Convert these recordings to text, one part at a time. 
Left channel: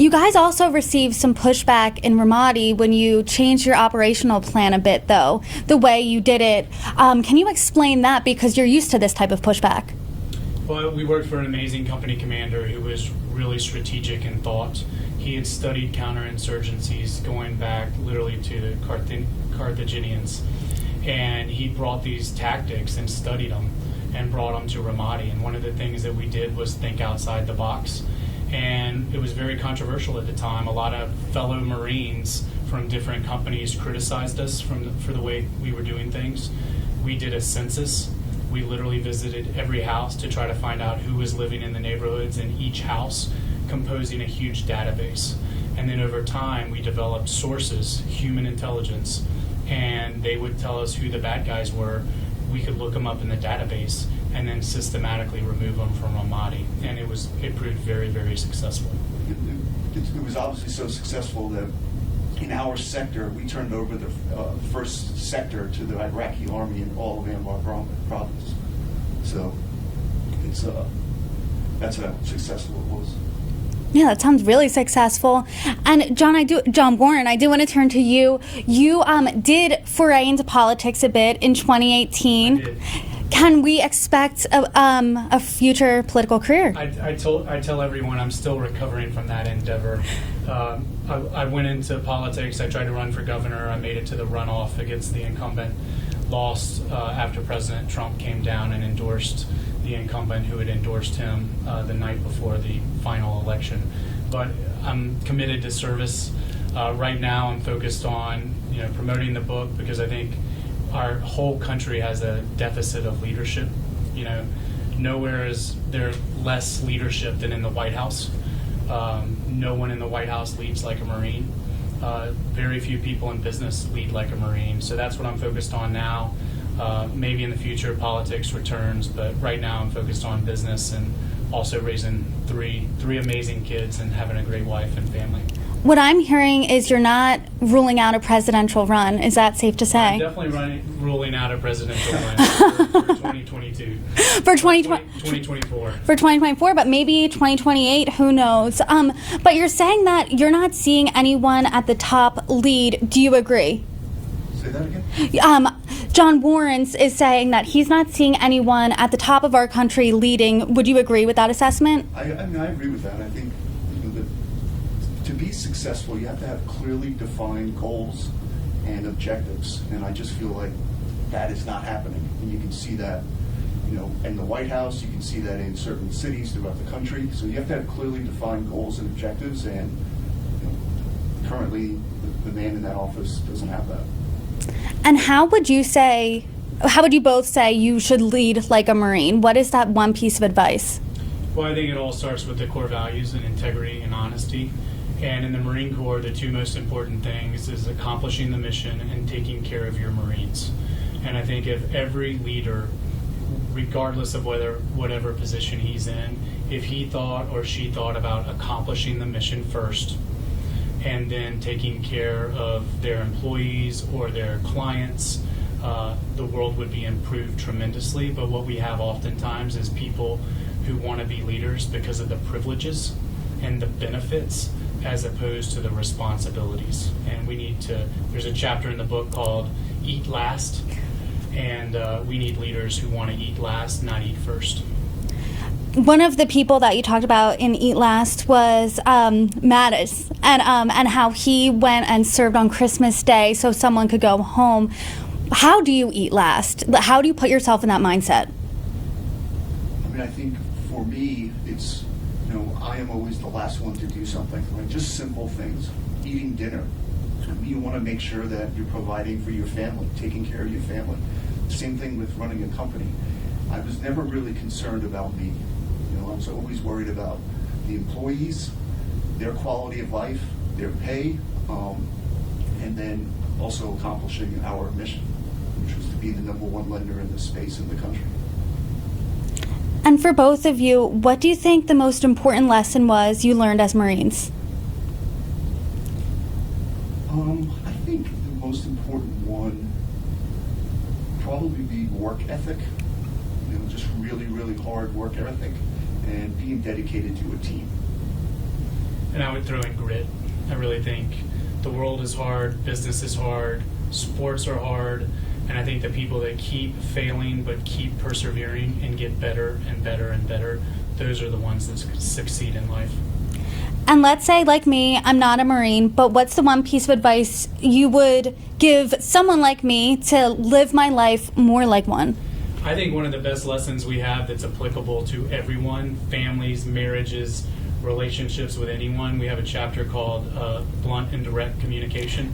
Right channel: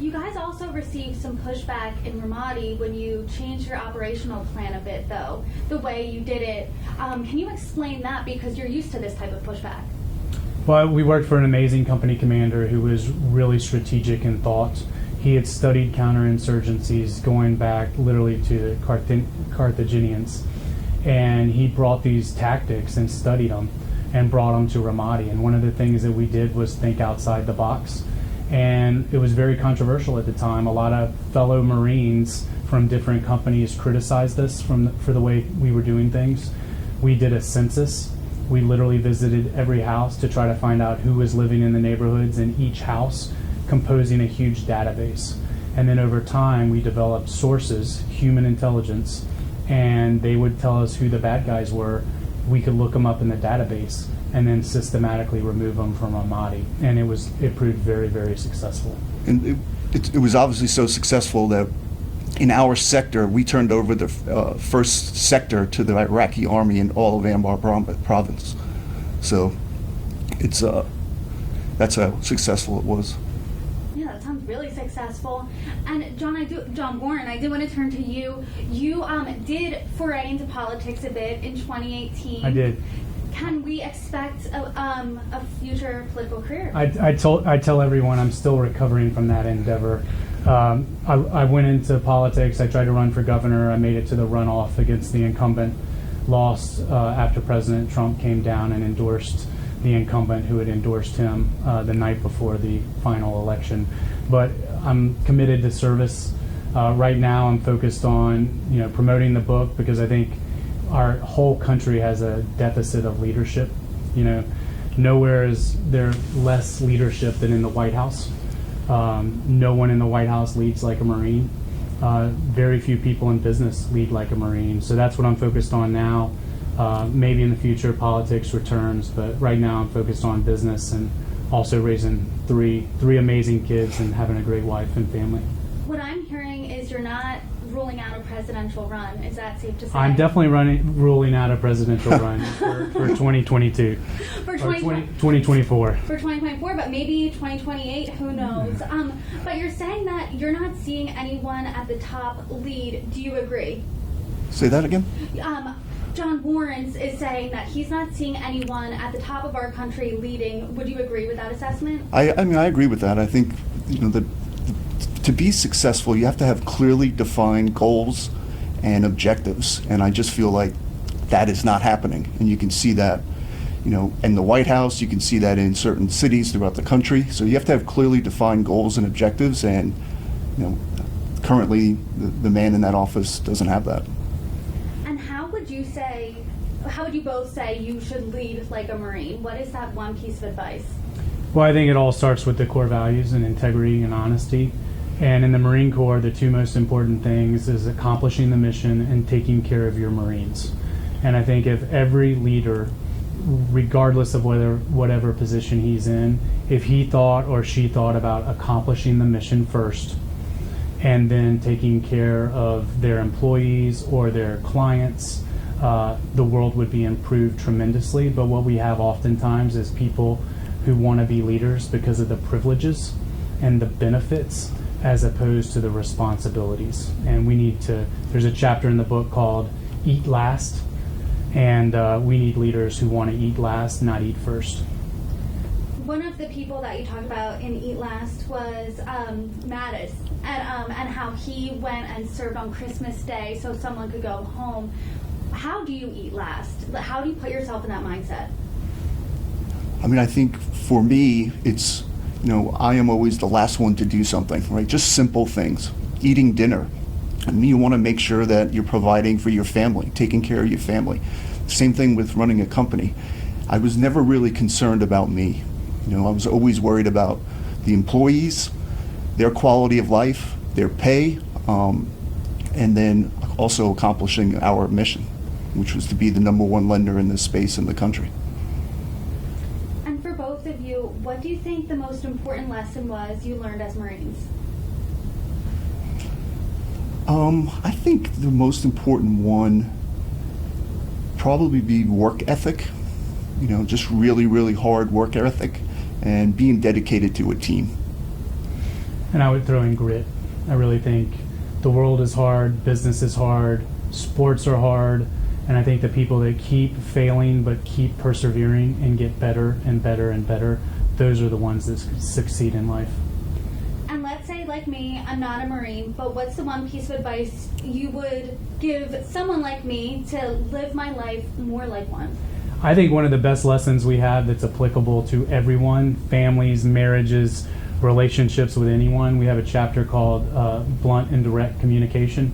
You guys also received some pushback in Ramadi when you changed your operational plan a bit, though, the way you did it. Can you explain that, because you're used to this type of pushback? Well, we worked for an amazing company commander who was really strategic in thought. He had studied counterinsurgencies going back literally to Carthaginians, and he brought these tactics and studied them and brought them to Ramadi. And one of the things that we did was think outside the box. And it was very controversial at the time. A lot of fellow Marines from different companies criticized us for the way we were doing things. We did a census. We literally visited every house to try to find out who was living in the neighborhoods in each house, composing a huge database. And then over time, we developed sources, human intelligence, and they would tell us who the bad guys were. We could look them up in the database and then systematically remove them from Ramadi. And it proved very, very successful. And it was obviously so successful that in our sector, we turned over the first sector to the Iraqi army in all of Anbar province. So that's how successful it was. Yeah, that sounds really successful. And John Warren, I do want to turn to you. You did foray into politics a bit in 2018. I did. Can we expect a future political career? I tell everyone I'm still recovering from that endeavor. I went into politics. I tried to run for governor. I made it to the runoff against the incumbent. Lost after President Trump came down and endorsed the incumbent who had endorsed him the night before the final election. But I'm committed to service. Right now I'm focused on promoting the book, because I think our whole country has a deficit of leadership. Nowhere is there less leadership than in the White House. No one in the White House leads like a Marine. Very few people in business lead like a Marine. So that's what I'm focused on now. Maybe in the future politics returns, but right now I'm focused on business and also raising three amazing kids and having a great wife and family. What I'm hearing is you're not ruling out a presidential run. Is that safe to say? I'm definitely ruling out a presidential run for 2022. For 2024. For 2024, but maybe 2028, who knows? But you're saying that you're not seeing anyone at the top lead. Do you agree? Say that again? John Warren is saying that he's not seeing anyone at the top of our country leading. Would you agree with that assessment? I mean, I agree with that. I think that to be successful, you have to have clearly defined goals and objectives, and I just feel like that is not happening. And you can see that, in the White House. You can see that in certain cities throughout the country. So you have to have clearly defined goals and objectives, and currently the man in that office doesn't have that. And how would you both say you should lead like a Marine? What is that one piece of advice? Well, I think it all starts with the core values and integrity and honesty. And in the Marine Corps, the two most important things is accomplishing the mission and taking care of your Marines. And I think if every leader, regardless of whatever position he's in, if he thought or she thought about accomplishing the mission first and then taking care of their employees or their clients, the world would be improved tremendously. But what we have oftentimes is people who want to be leaders because of the privileges and the benefits as opposed to the responsibilities. And there's a chapter in the book called Eat Last, and we need leaders who want to eat last, not eat first. One of the people that you talked about in Eat Last was Mattis, and how he went and served on Christmas Day so someone could go home. How do you eat last? How do you put yourself in that mindset? I mean, I think for me, it's, I am always the last one to do something, right? Just simple things. Eating dinner. I mean, you want to make sure that you're providing for your family, taking care of your family. Same thing with running a company. I was never really concerned about me. I was always worried about the employees, their quality of life, their pay, and then also accomplishing our mission, which was to be the #1 lender in this space in the country. And for both of you, what do you think the most important lesson was you learned as Marines? I think the most important one probably be work ethic. Just really, really hard work ethic and being dedicated to a team. And I would throw in grit. I really think the world is hard, business is hard, sports are hard, and I think the people that keep failing but keep persevering and get better and better and better, those are the ones that succeed in life. And let's say, like me, I'm not a Marine, but what's the one piece of advice you would give someone like me to live my life more like one? I think one of the best lessons we have that's applicable to everyone, families, marriages, relationships with anyone, we have a chapter called Blunt and Direct Communication.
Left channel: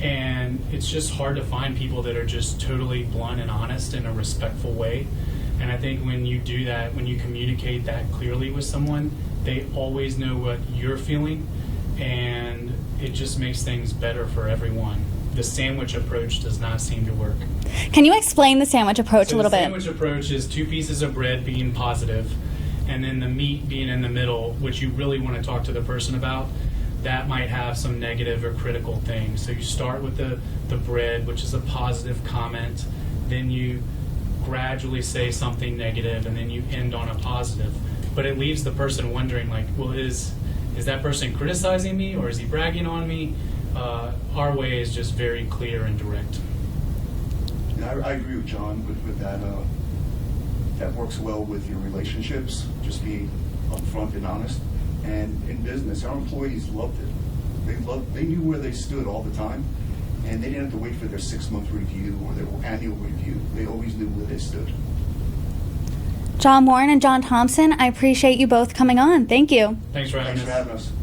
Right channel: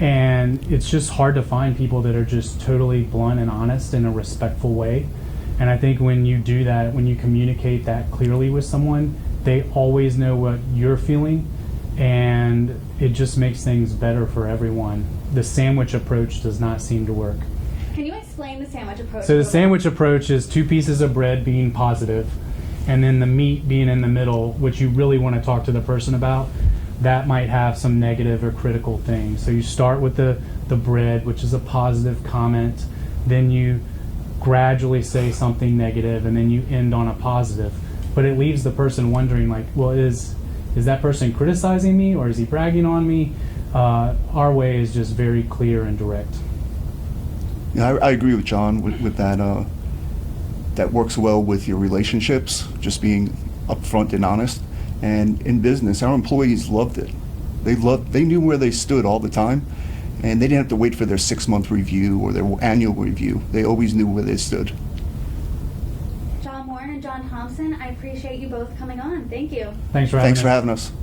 And it's just hard to find people that are just totally blunt and honest in a respectful way. And I think when you do that, when you communicate that clearly with someone, they always know what you're feeling, and it just makes things better for everyone. The sandwich approach does not seem to work. Can you explain the sandwich approach a little bit? So the sandwich approach is 2 pieces of bread being positive, and then the meat being in the middle, which you really want to talk to the person about. That might have some negative or critical things. So you start with the bread, which is a positive comment, then you gradually say something negative, and then you end on a positive. But it leaves the person wondering, like, well, is that person criticizing me, or is he bragging on me? Our way is just very clear and direct. Yeah, I agree with John with that. That works well with your relationships, just being upfront and honest. And in business, our employees loved it. They knew where they stood all the time, and they didn't have to wait for their 6-month review or their annual review. They always knew where they stood. John Warren and John Thompson, I appreciate you both coming on. Thank you. Thanks for having us. Thanks for having us.